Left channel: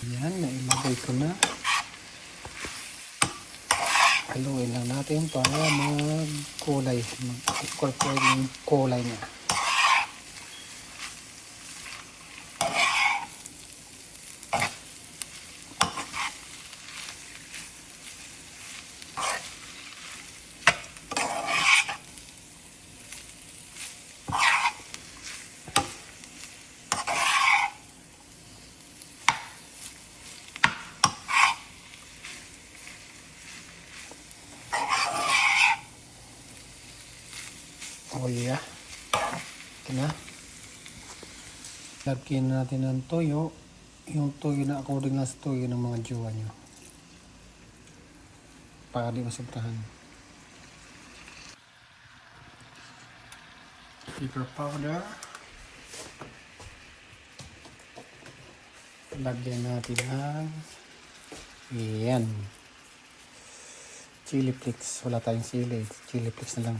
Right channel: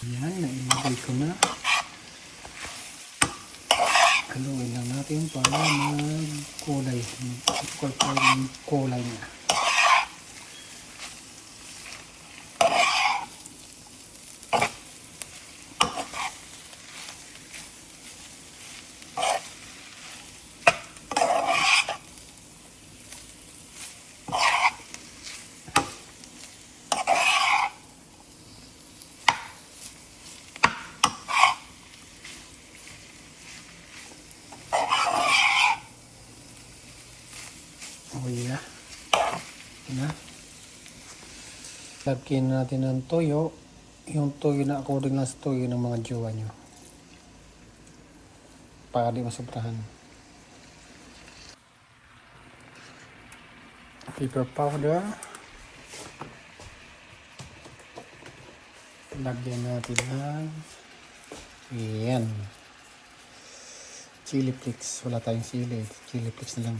Yan, nailagay ko na. Haluin lang natin para mag-kulay. Mag-incorporate yung kulay niya. Oh yeah. Ito na. Lagyan natin ng toyo. Yung toyo na according lang sa toyo ng mga jowa nyo. Para di masobrahan. Pepper powder. Lagyan natin ng yan. Chili flakes. Wala tayong sili. Chili flakes na lang.